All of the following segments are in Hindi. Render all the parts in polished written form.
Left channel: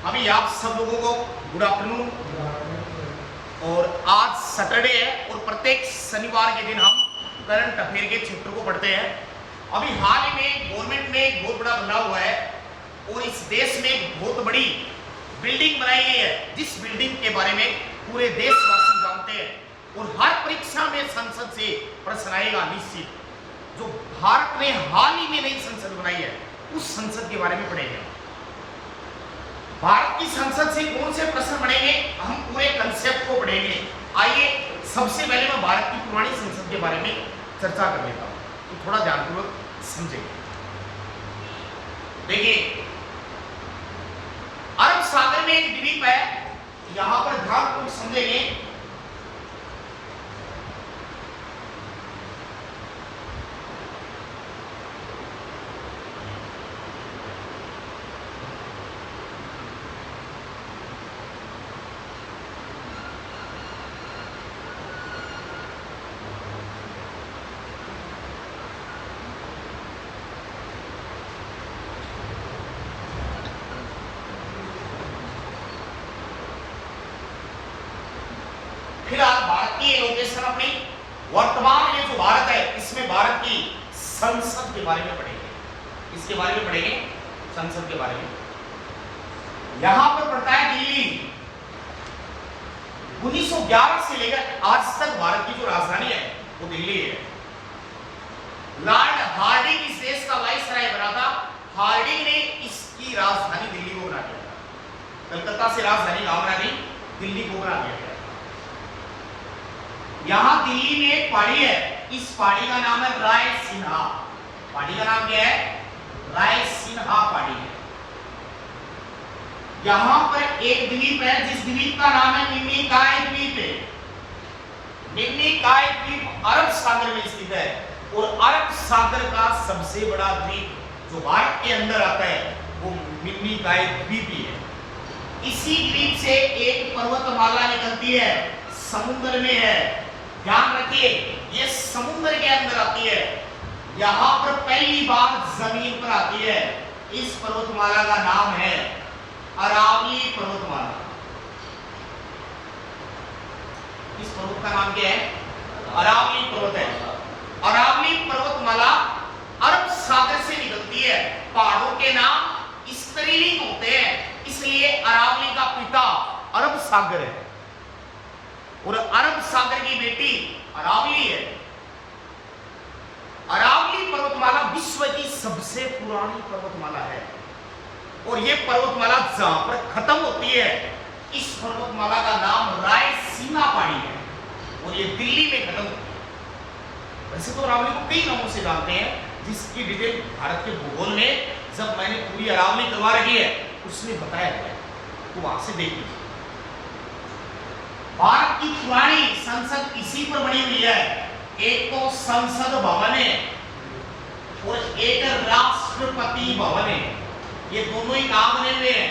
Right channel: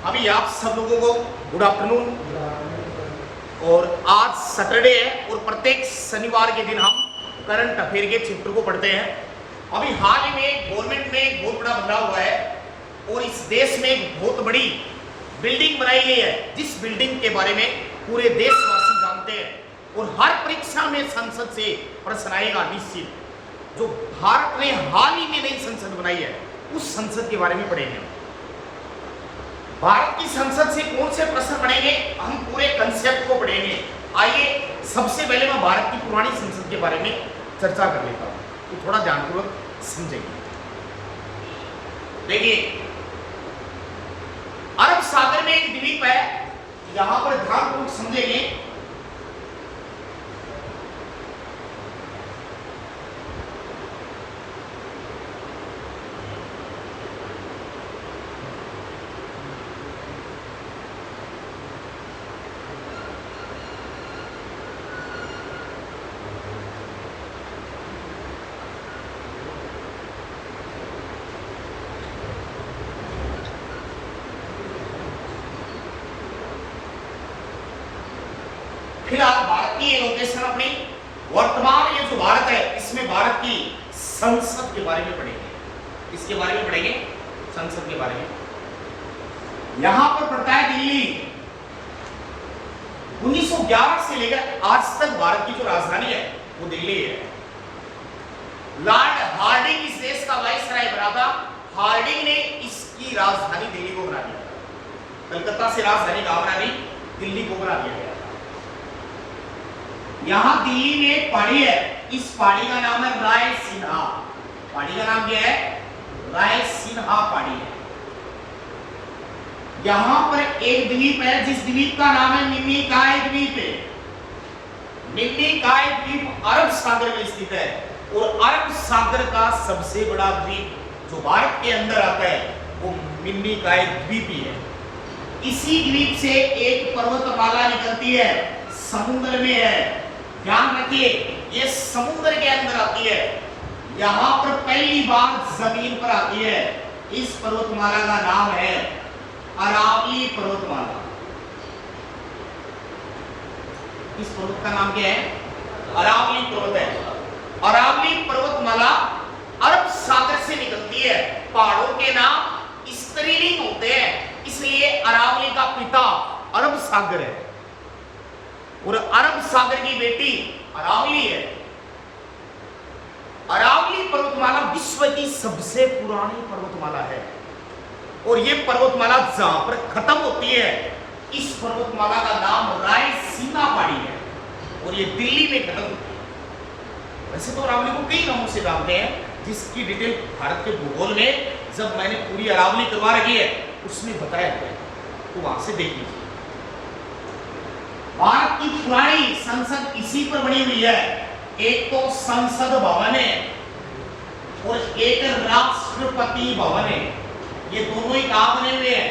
अभी आप सब लोगों को गुड आफ्टरनून। और आज सैटरडे है और प्रत्येक शनिवार के दिन हम करंट अफेयर के चैप्टर को पढ़ते हैं। अभी हाल ही में गवर्नमेंट में एक बहुत बड़ा बदलाव हुआ है और इस देश में एक बहुत बड़ी बिल्डिंग बनाई गई है, जिस बिल्डिंग के बारे में पूरे देशवासी जानते हैं और हर परीक्षा में संसद से प्रश्न आएगा निश्चित। जो भारत ने हाल ही में नई संसद बनाई है उस संसद के बारे में पढ़ेंगे हम। भारत की संसद से कौन से प्रश्न बनेंगे, हम पूरे कंसेप्ट को पढ़ेंगे। आइए सबसे पहले मैं भारत की पुरानी संसद के बारे में चर्चा कर लेता हूं, तो थोड़ा ध्यानपूर्वक समझेंगे। देखिए, अरब सागर में एक द्वीप है, यहां पर ध्यानपूर्वक समझेंगे। फिलहाल भारत की लोकेशन अपनी वर्तमान ये जो भारत है इसमें भारत की संसद के बारे में पढ़ेंगे। इसके बारे में पढ़ेंगे, संसद के बारे में। यहां पर पड़ता है दिल्ली। 1911 से लेकर आज तक भारत की जो राजधानी है वो दिल्ली है। लॉर्ड हार्डिंग इस देश का वाइसराय बना था। हार्डिंग ने इसकी राजधानी दिल्ली को बना दिया था। कलकत्ता से राजधानी कहां बना दी? दिल्ली को बना दिया गया। यहां दिल्ली में एक पहाड़ी है, इस पहाड़ी का नाम है रायसिन्हा। पहाड़ी का नाम क्या है? रायसिन्हा पहाड़ी है। यहां पर एक द्वीप है जिस द्वीप का नाम है मिनिकॉय द्वीप है। मिनिकॉय द्वीप अरब सागर में स्थित है और अरब सागर का सबसे बड़ा द्वीप जो भारत के अंदर आता है वो मिनिकॉय द्वीप ही है। इसी द्वीप से एक पर्वतमाला निकलती है, समुद्र में है। ध्यान रखिए, ये समुद्र के अंदर आती है। यहां पर पहली बार जमीन पर आती है। इस पर्वतमाला का नाम है अरावली पर्वतमाला। इस पर्वत का नाम क्या है? अरावली पर्वत है। अरावली पर्वतमाला अरब सागर से निकलती है। पहाड़ों के नाम स्त्रीलिंग होते हैं, इसलिए अरावली का पिता अरब सागर है और अरब सागर की बेटी अरावली है। अरावली पर्वतमाला विश्व की सबसे पुरानी पर्वतमाला है और यह पर्वतमाला जहां पर खत्म होती है इस पर्वतमाला का नाम रायसीना पहाड़ी है और यह दिल्ली में खत्म होती है। वैसे तो अरावली को कई नामों से जानते हैं, जिसकी डिटेल भारत के भूगोल में जब मैंने पूरी अरावली करवा रखी है उसमें बताया गया, तो वहां से देख लीजिए। भारत की पुरानी संसद इसी पर बनी हुई है। एक तो संसद भवन है और एक राष्ट्रपति भवन है। ये दोनों ही कहां बने हुए हैं?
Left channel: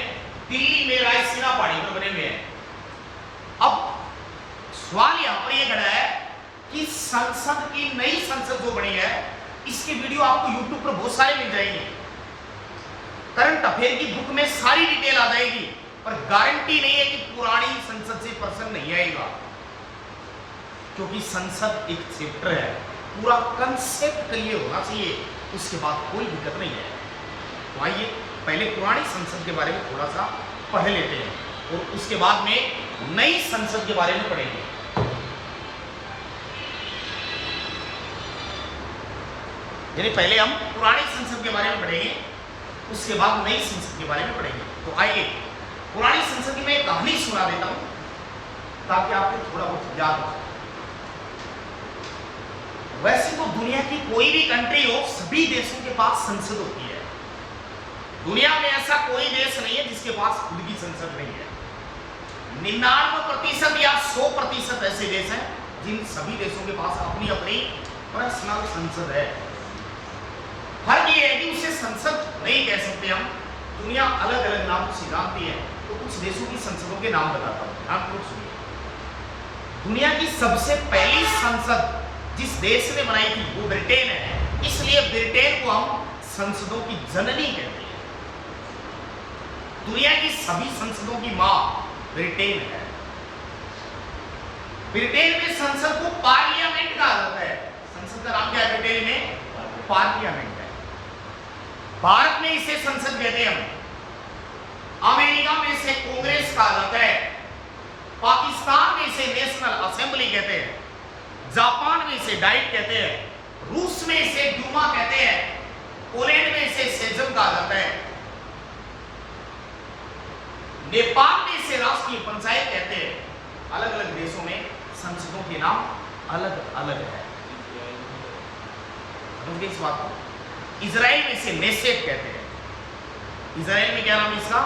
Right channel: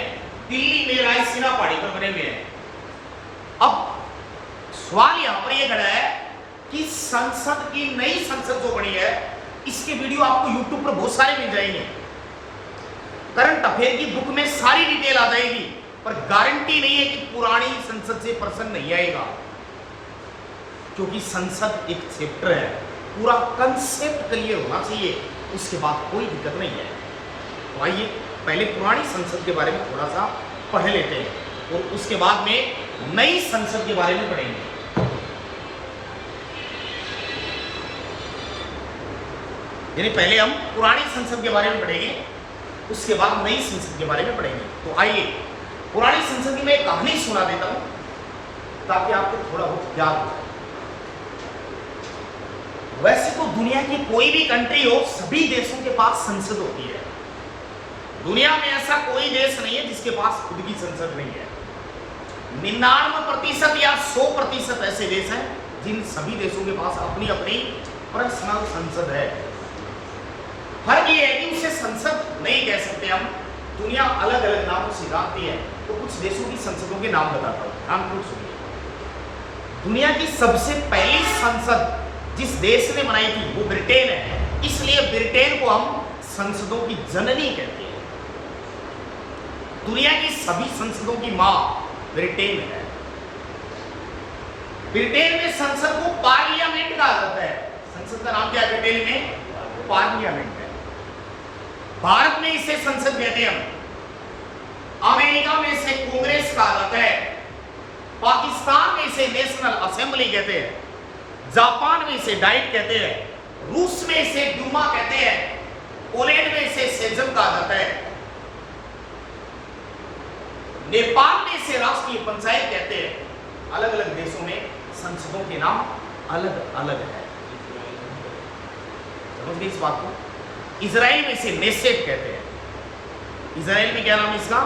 दिल्ली में रायसीना पहाड़ी पर बने हुए हैं। अब सवाल यहां पर यह खड़ा है कि संसद की नई संसद जो बनी है इसके वीडियो आपको YouTube पर बहुत सारे मिल जाएंगे। करंट अफेयर की बुक में सारी डिटेल आ जाएगी, पर गारंटी नहीं है कि पुरानी संसद से प्रश्न नहीं आएगा, क्योंकि संसद एक चैप्टर है। पूरा कंसेप्ट क्लियर होना चाहिए, उसके बाद कोई दिक्कत नहीं है। तो आइए पहले पुरानी संसद के बारे में थोड़ा सा पढ़ लेते हैं और उसके बाद में नई संसद के बारे में पढ़ेंगे। यानी पहले हम पुरानी संसद के बारे में पढ़ेंगे, उसके बाद नई संसद के बारे में पढ़ेंगे। तो आइए पुरानी संसद की मैं एक कहानी सुना देता हूं ताकि आपको थोड़ा बहुत याद हो जाए। वैसे तो दुनिया की कोई भी कंट्री हो, सभी देशों के पास संसद होती है। दुनिया में ऐसा कोई देश नहीं है जिसके पास खुद की संसद नहीं है। 99% या 100% ऐसे देश हैं जिन सभी देशों के पास अपनी अपनी पर्सनल संसद है। फर्क ये है कि उसे संसद नहीं कह सकते हम, दुनिया अलग अलग नामों से जानती है। तो कुछ देशों की संसदों के नाम बताता हूं, ध्यानपूर्वक सुनिए। दुनिया की सबसे पहली संसद जिस देश ने बनाई थी वो ब्रिटेन है, इसलिए ब्रिटेन को हम संसदों की जननी कहते हैं। दुनिया की सभी संसदों की मां ब्रिटेन है। ब्रिटेन में संसद को पार्लियामेंट कहा जाता है। संसद का नाम क्या है ब्रिटेन में? पार्लियामेंट है। भारत में इसे संसद कहते हैं हम। अमेरिका में इसे कांग्रेस कहा जाता है। पाकिस्तान में इसे नेशनल असेंबली कहते हैं। जापान में इसे डाइट कहते हैं। रूस में इसे डूमा कहते हैं। पोलैंड में इसे सेजन कहा जाता है। नेपाल में इसे राष्ट्रीय पंचायत कहते हैं। अलग अलग देशों में संसदों के नाम अलग अलग है। समझ गए इस बात को? इजराइल में इसे नेसेट कहते हैं। इजराइल में क्या नाम इसका?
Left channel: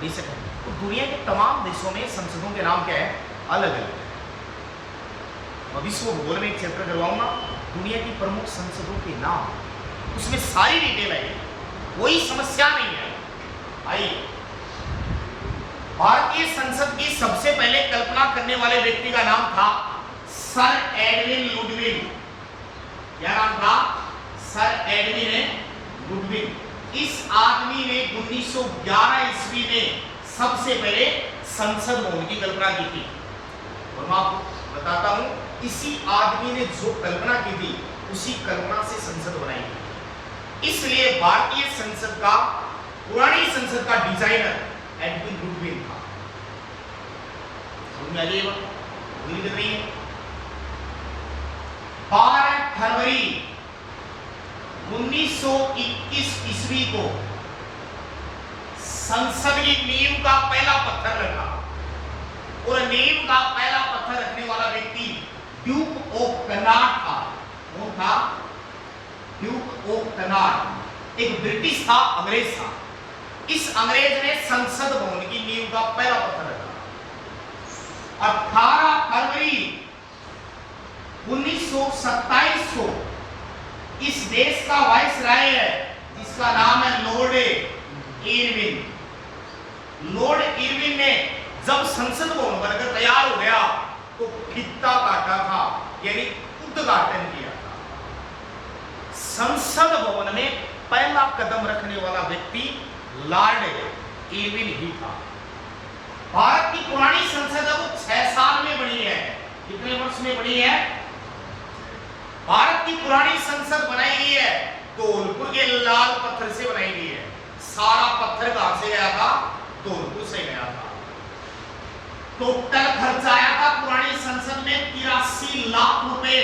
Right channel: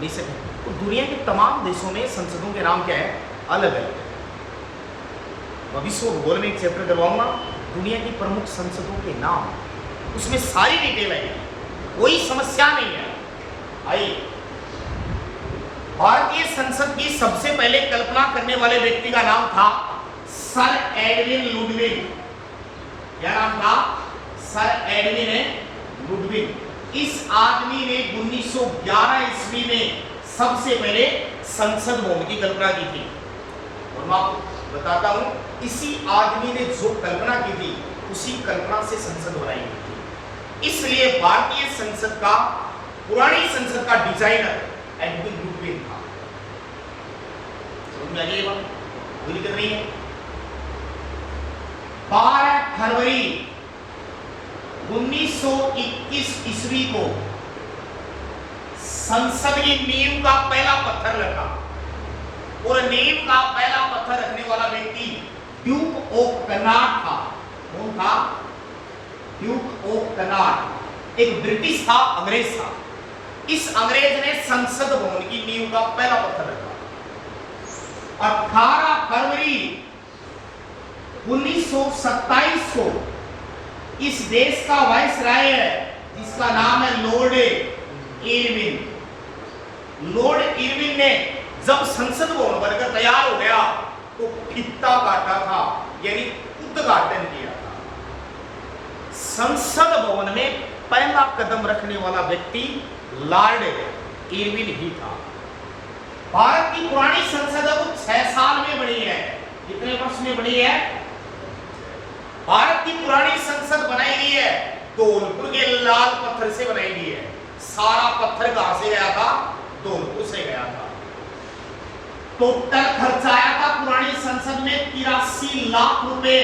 नेसेट है। तो दुनिया के तमाम देशों में संसदों के नाम क्या है? अलग अलग है। मैं विश्व भूगोल में एक चैप्टर करवाऊंगा, दुनिया की प्रमुख संसदों के नाम, उसमें सारी डिटेल आएगी, कोई समस्या नहीं है। आइए, भारतीय संसद की सबसे पहले कल्पना करने वाले व्यक्ति का नाम था सर एडविन लुडविग। क्या नाम था? Sir Edwin Ludwig. इस आदमी ने 1911 ईस्वी में सबसे पहले संसद भवन की कल्पना की थी। और मैं आपको बताता हूं, इसी आदमी ने जो कल्पना की थी उसी कल्पना से संसद बनाई गई थी। इसलिए भारतीय संसद का, पुरानी संसद का डिजाइनर एडविन लुडविग था। समझ में आ गई ये बात? कोई दिक्कत नहीं है। 12 फरवरी 1921 ईस्वी को संसद की नींव का पहला पत्थर रखा। और नींव का पहला पत्थर रखने वाला व्यक्ति ड्यूक ऑफ कनाट था। कौन था? Duke of Connaught. एक ब्रिटिश था, अंग्रेज था। इस अंग्रेज ने संसद भवन की नींव का पहला पत्थर रखा। 18 फरवरी 1927 को इस देश का वाइसराय है जिसका नाम है लॉर्ड इरविन। लॉर्ड इरविन ने जब संसद भवन बनकर तैयार हो गया तो फीता काटा था, यानी उद्घाटन किया था। संसद भवन में पहला कदम रखने वाला व्यक्ति लॉर्ड इरविन ही था। भारत की पुरानी संसद अब 6 साल में बनी है। कितने वर्ष में बनी है? भारत की पुरानी संसद बनाई गई है धौलपुर के लाल पत्थर से बनाई गई है। सारा पत्थर कहां से गया था? धौलपुर से गया था। टोटल खर्चा आया था पुरानी संसद में 83 लाख रुपए।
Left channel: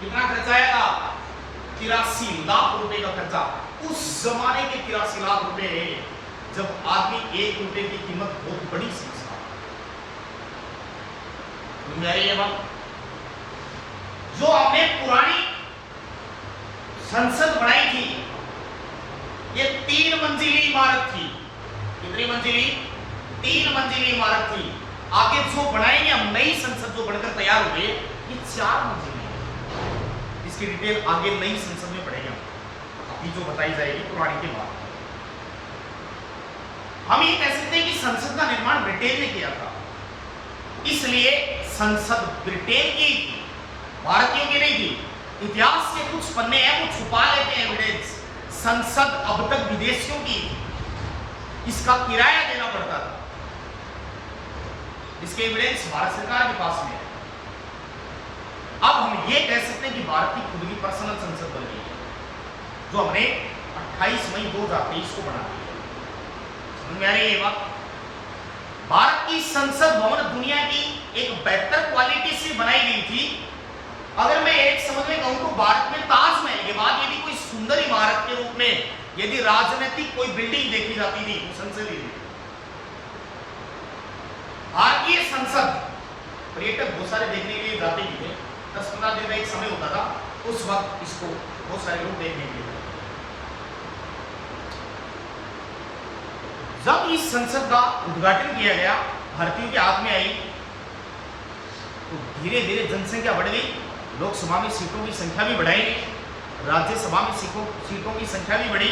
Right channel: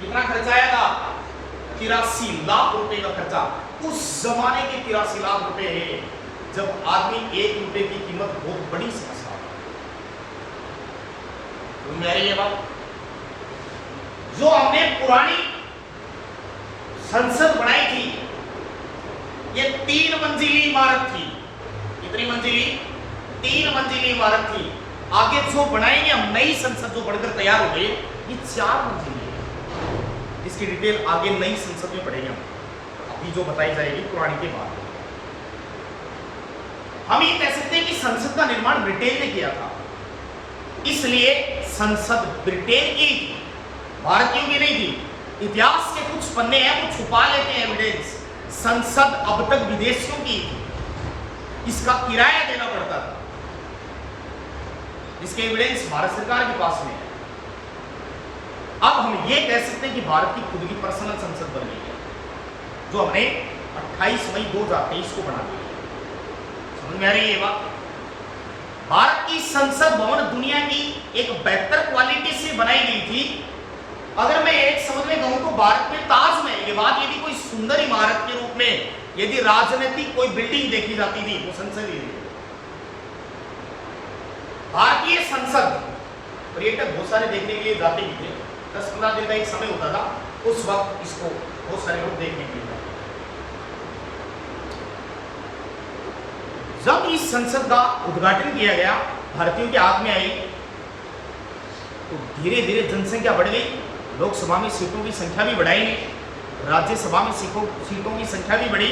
कितना खर्चा आया था? 83 लाख रुपए का खर्चा। उस जमाने के 83 लाख रुपए जब आदमी 1 रुपए की कीमत बहुत बड़ी समझता था। तो मेरी ये बात, जो हमने पुरानी संसद बनाई थी, ये 3 मंजिली इमारत थी। कितनी मंजिली? 3 मंजिली इमारत थी। आगे जो बनाएंगे हम, नई संसद जो बनकर तैयार हो गई, ये 4 मंजिली है, जिसकी डिटेल आगे नई संसद में पढ़ेंगे हम। अभी जो बताई जाएगी पुरानी के बाद। हम ये कह सकते हैं कि संसद का निर्माण ब्रिटेन ने किया था, इसलिए संसद ब्रिटेन की थी, भारतीयों की नहीं थी। इतिहास के कुछ पन्ने हैं वो छुपा लेते हैं एविडेंस। संसद अब तक विदेशियों की थी, इसका किराया देना पड़ता था, जिसके एविडेंस भारत सरकार के पास में है। अब हम ये कह सकते हैं कि भारत की खुद की पर्सनल संसद बन गई है, जो हमने 28 मई 2023 को बना दी है। समझ में आ रही है ये बात? भारत की संसद भवन दुनिया की एक बेहतर क्वालिटी से बनाई गई थी। अगर मैं एक समझ में कहूं तो भारत में ताजमहल के बाद यदि कोई सुंदर इमारत के रूप में यदि राजनीतिक कोई बिल्डिंग देखी जाती थी, वो संसद ही थी। भारतीय संसद पर्यटक बहुत सारे देखने के लिए जाते भी थे। 10-15 दिन का एक समय होता था, उस वक्त इसको बहुत सारे लोग देखने के लिए जाते। जब इस संसद का उद्घाटन किया गया, भारतीयों के हाथ में आई, तो धीरे धीरे जनसंख्या बढ़ गई। लोकसभा में सीटों की संख्या भी बढ़ाई गई, राज्यसभा में सीटों की संख्या भी बढ़ी।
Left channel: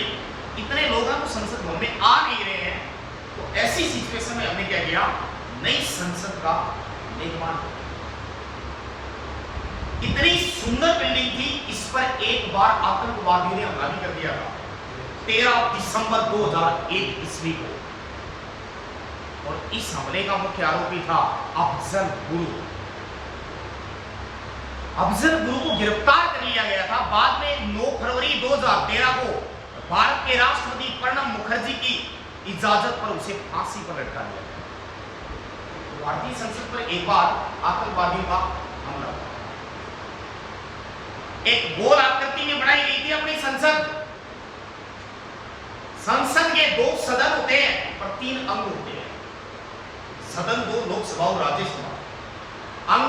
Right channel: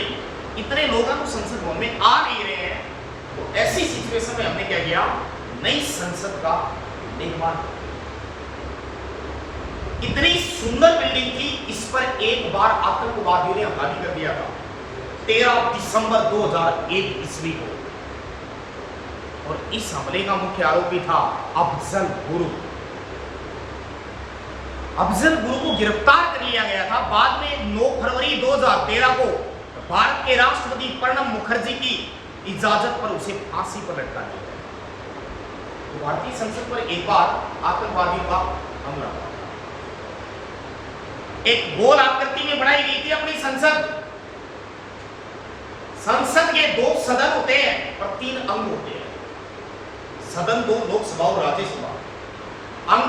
इतने लोग तो संसद भवन में आ नहीं रहे हैं, तो ऐसी सिचुएशन में हमने क्या किया? नई संसद का निर्माण। इतनी सुंदर बिल्डिंग थी, इस पर एक बार आतंकवादियों ने हमला भी कर दिया था 13 दिसंबर 2001 ईस्वी को। और इस हमले का मुख्य आरोपी था अफजल गुरु। अफजल गुरु को गिरफ्तार कर लिया गया था। बाद में 9 फरवरी 2013 को भारत के राष्ट्रपति प्रणब मुखर्जी की इजाजत पर उसे फांसी पर लटका दिया गया। तो भारतीय संसद पर एक बार आतंकवादियों का हमला हुआ। एक गोल आकृति में बनाई गई थी अपनी संसद। संसद के 2 सदन होते हैं पर 3 अंग होते हैं। सदन 2 लोकसभा और राज्यसभा, अंग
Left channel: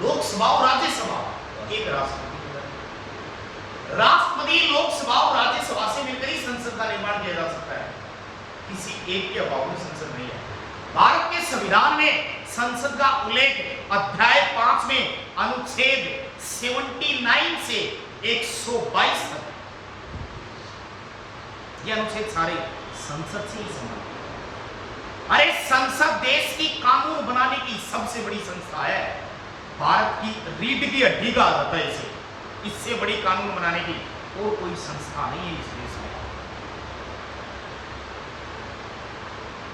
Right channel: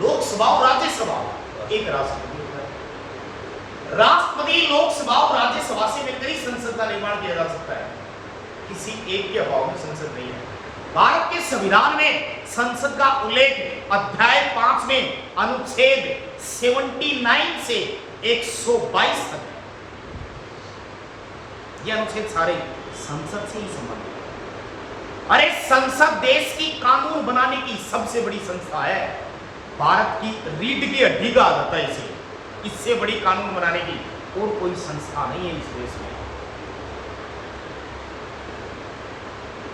लोकसभा और राज्यसभा, एक राष्ट्रपति होता है। राष्ट्रपति, लोकसभा और राज्यसभा से मिलकर ही संसद का निर्माण किया जा सकता है। किसी एक के अभाव में संसद नहीं है। भारत के संविधान में संसद का उल्लेख अध्याय 5 में अनुच्छेद 79 से 122 तक है। ये अनुच्छेद सारे संसद से ही संबंधित है। अरे संसद देश की कानून बनाने की सबसे बड़ी संस्था है। भारत की रीढ़ की हड्डी कहा जाता है इसे। इससे बड़ी कानून बनाने की और कोई संस्था नहीं है इस देश में।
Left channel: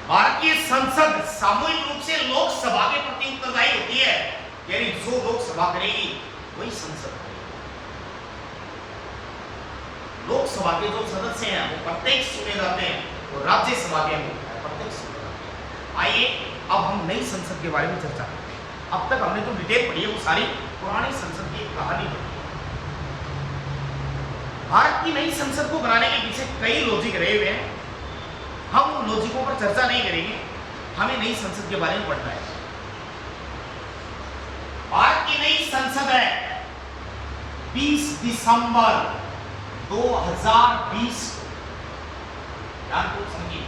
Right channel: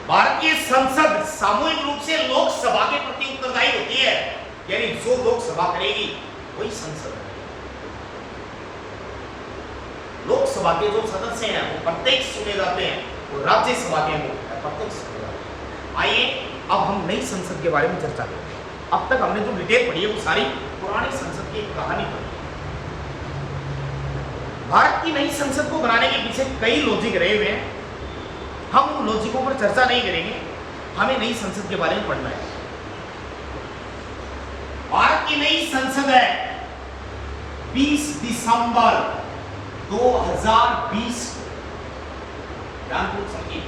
भारत की संसद सामूहिक रूप से लोकसभा के प्रति उत्तरदायी होती है, यानी जो लोकसभा करेगी वही संसद करेगी। लोकसभा के जो सदस्य हैं वो प्रत्यक्ष चुने जाते हैं, वो राज्यसभा के वो प्रत्यक्ष चुने जाते हैं। आइए अब हम नई संसद के बारे में चर्चा करते हैं। अब तक हमने जो डिटेल पढ़ी है वो सारी पुरानी संसद की कहानी पढ़ी है। भारत की नई संसद को बनाने के पीछे कई लॉजिक रहे हुए हैं। हम उन लॉजिकों पर चर्चा नहीं करेंगे, हमें नई संसद के बारे में पढ़ना है। भारत की नई संसद है 20 दिसंबर 2020। ध्यानपूर्वक समझिए,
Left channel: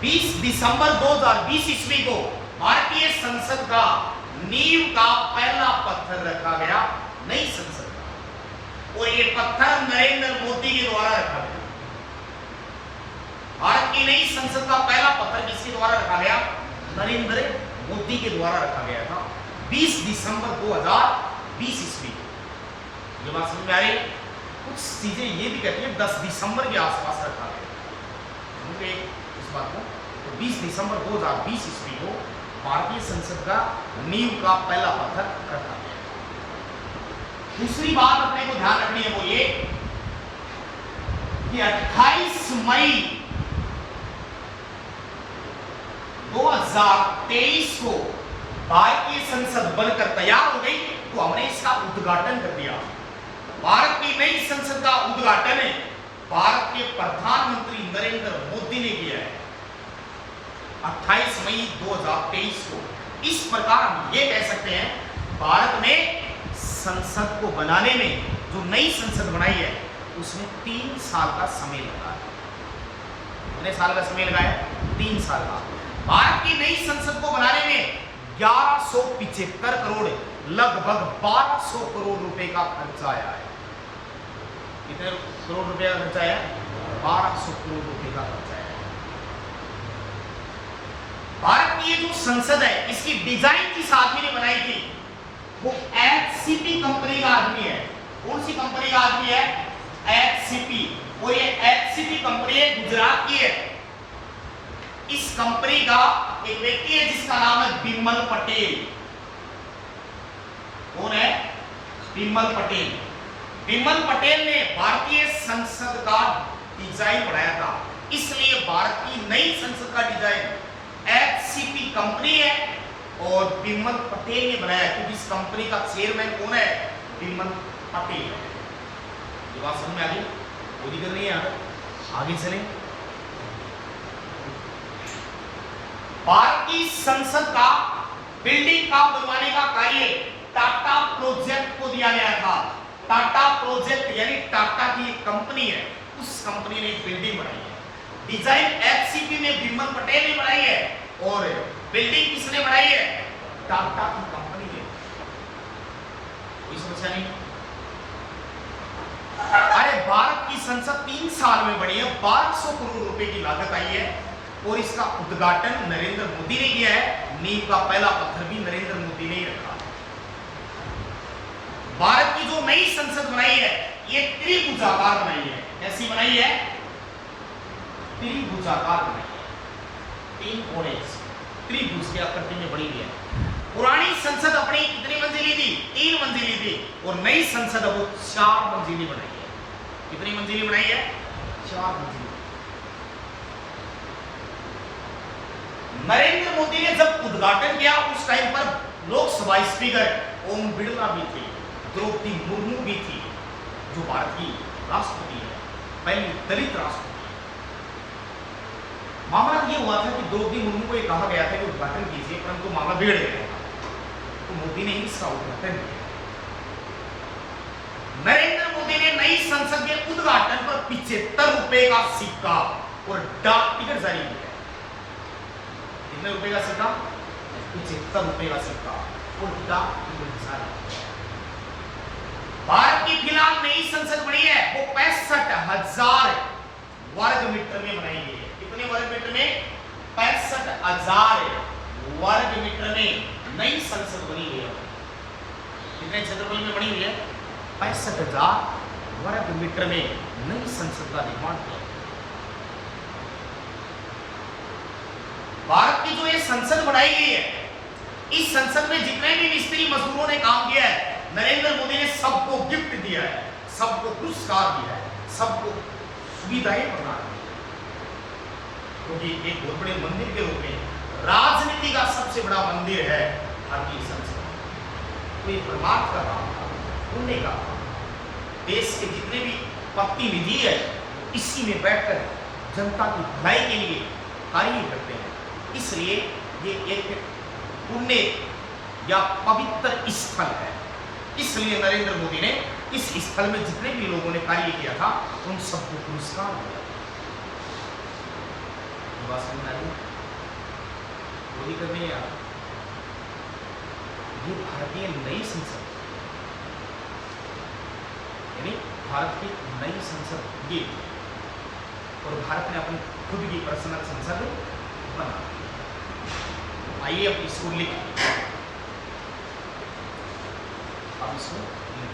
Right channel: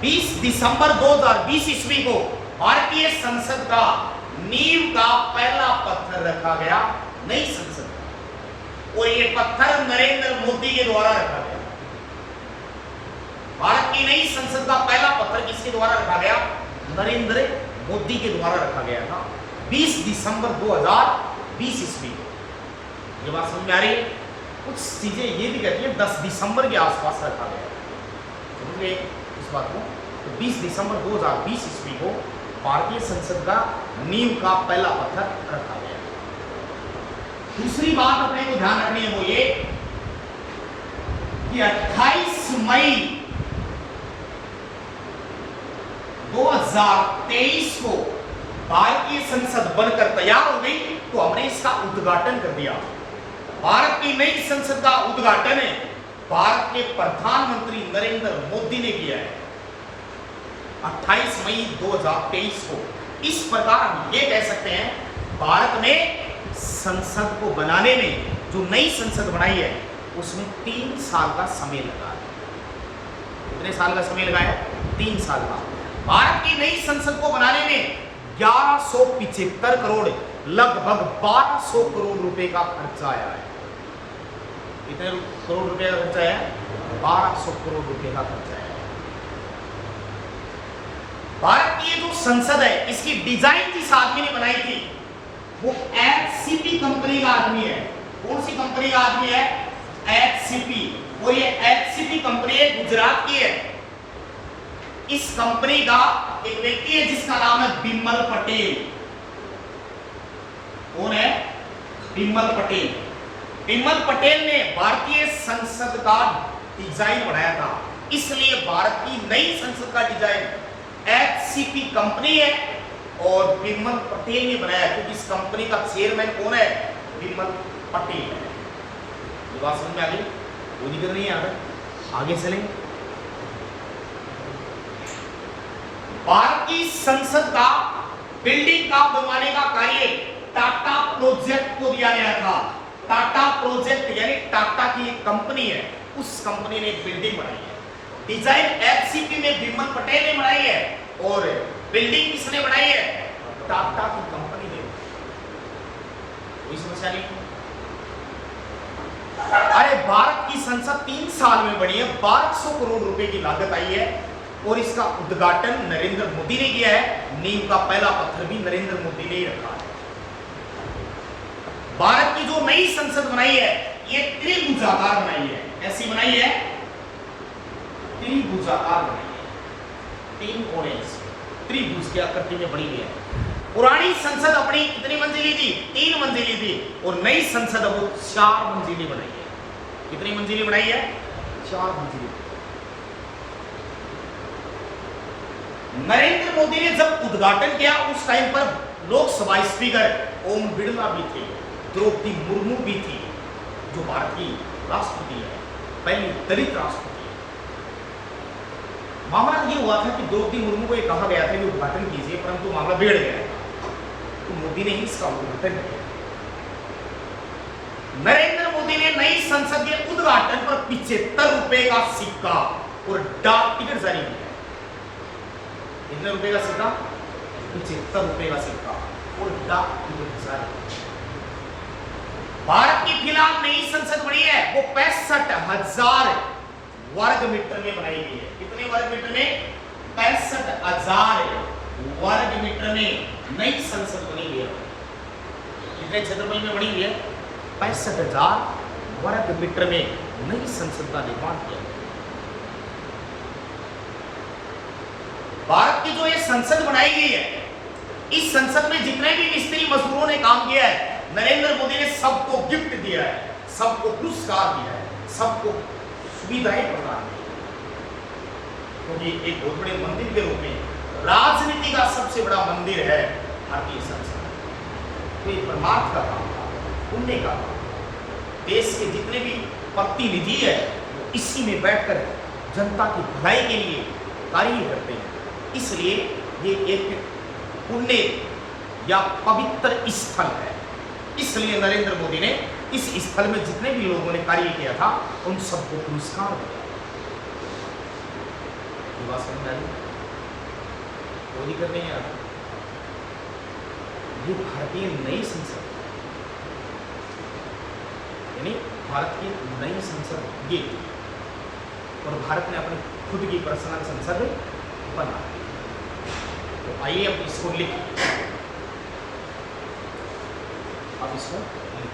20 दिसंबर 2020 ईस्वी को भारतीय संसद का नींव का पहला पत्थर रखा गया नई संसद का, और यह पत्थर नरेंद्र मोदी के द्वारा रखा गया। भारत की नई संसद का पहला पत्थर किसके द्वारा रखा गया? नरेंद्र मोदी के द्वारा रखा गया था 20 दिसंबर 2020 ईस्वी को। ये बात समझ में आ रही है? कुछ चीजें ये भी कहती हैं 10 दिसंबर के आसपास रखा गया। समझ गए इस बात को? तो 20 दिसंबर 2020 ईस्वी को भारतीय संसद का नींव का पहला पत्थर रखा गया। दूसरी बात अपने को ध्यान रखनी है वो ये कि 28 मई 2023 को भारतीय संसद बनकर तैयार हो गई, तो हमने इसका उद्घाटन कर दिया। भारत की नई संसद का उद्घाटन है भारत के प्रधानमंत्री नरेंद्र मोदी ने किया है 28 मई 2023 को। इस प्रकार हम ये कह सकते हैं भारत में संसद को बनाने में, जो नई संसद बनाई है उसमें 3 साल का समय लगा है। कितने साल का समय लगा है? 3 साल का। भारत की नई संसद को बनाने में 1175 करोड़, लगभग 1200 करोड़ रुपए का खर्चा आया है। कितने करोड़ रुपए का खर्चा आया? 1200 करोड़ रुपए का खर्चा आया है। भारत की ये जो संसद है इसकी डिजाइन जिस आदमी ने बनाई थी वो एचसीपी कंपनी का आदमी है। कौन सी कंपनी का आदमी है? एचसीपी। और ये एचसीपी कंपनी है, गुजरात की है। इस कंपनी का एक व्यक्ति है जिसका नाम है बिमल पटेल। कौन है? बिमल पटेल। बिमल पटेल ने भारतीय संसद का डिजाइन बनाया था, इसलिए भारत की नई संसद का डिजाइन एचसीपी कंपनी है और बिमल पटेल ने बनाया, क्योंकि इस कंपनी का चेयरमैन कौन है? बिमल पटेल है। ये बात समझ में आ गई? कोई दिक्कत नहीं है। यहां तक आगे चलें। भारत की संसद का बिल्डिंग का बनवाने का कार्य टाटा प्रोजेक्ट को दिया गया था। टाटा प्रोजेक्ट यानी टाटा की एक कंपनी है, उस कंपनी ने बिल्डिंग बनाई है। डिजाइन एचसीपी में बिमल पटेल ने बनाई है और बिल्डिंग किसने बनाई है? टाटा की कंपनी ने। कोई समस्या नहीं। अरे भारत की संसद 3 साल में बनी है, 1200 करोड़ रुपए की लागत आई है और इसका उद्घाटन नरेंद्र मोदी ने किया है। नींव का पहला पत्थर भी नरेंद्र मोदी ने ही रखा है। भारत की जो नई संसद बनाई है ये त्रिभुजाकार बनाई है। ऐसी बनाई है, त्रिभुजाकार बनाई है। 3 कोने त्रिभुज की आकृति में बनी हुई है। पुरानी संसद अपनी कितनी मंजिली थी? 3 मंजिली थी, और नई संसद अब 4 मंजिली बनाई है। कितनी मंजिली बनाई है? 4 मंजिली। नरेंद्र मोदी ने जब उद्घाटन किया उस टाइम पर लोकसभा स्पीकर ओम बिरला भी थे, द्रौपदी मुर्मू भी थी, जो भारत की राष्ट्रपति है, पहली दलित राष्ट्रपति है। मामला ये हुआ था कि द्रौपदी मुर्मू को ये कहा गया था कि उद्घाटन कीजिए, परंतु मामला बिगड़ गया था, तो मोदी ने ही इसका उद्घाटन किया। नरेंद्र मोदी ने नई संसद के उद्घाटन पर 75 रुपए का सिक्का और डाक टिकट जारी किया। कितने रुपए का सिक्का? 75 रुपए का सिक्का और डाक टिकट जारी। भारत की फिलहाल नई संसद बनी है, वो 65,000 वर्ग मीटर में बनाई गई है। कितने वर्ग मीटर में? 65,000 वर्ग मीटर में नई संसद बनी हुई है। कितने क्षेत्रफल में बनी हुई है? 65,000 वर्ग मीटर में नई संसद का निर्माण किया गया। भारत की जो ये संसद बनाई गई है, इस संसद में जितने भी मिस्त्री मजदूरों ने काम किया है, नरेंद्र मोदी ने सबको गिफ्ट दिया है, सबको पुरस्कार दिया है, सबको सुविधाएं प्रदान की, क्योंकि एक बहुत बड़े मंदिर के रूप में राजनीति का सबसे बड़ा मंदिर है भारतीय संसद। तो ये परमार्थ का काम था, पुण्य का काम। देश के जितने भी प्रतिनिधि है वो इसी में बैठकर जनता की भलाई के लिए कार्य करते हैं। इसलिए ये एक पुण्य या पवित्र स्थल है। इसलिए नरेंद्र मोदी ने इस स्थल में जितने भी लोगों ने कार्य किया था उन सबको पुरस्कार दिया। ये बात समझ आ रही? मोदी करने हैं ये भारतीय नई संसद, यानी भारत की नई संसद ये, और भारत ने अपनी खुद की पर्सनल संसद बना दी। तो आइए अब इसको लिख, अब इसको लिख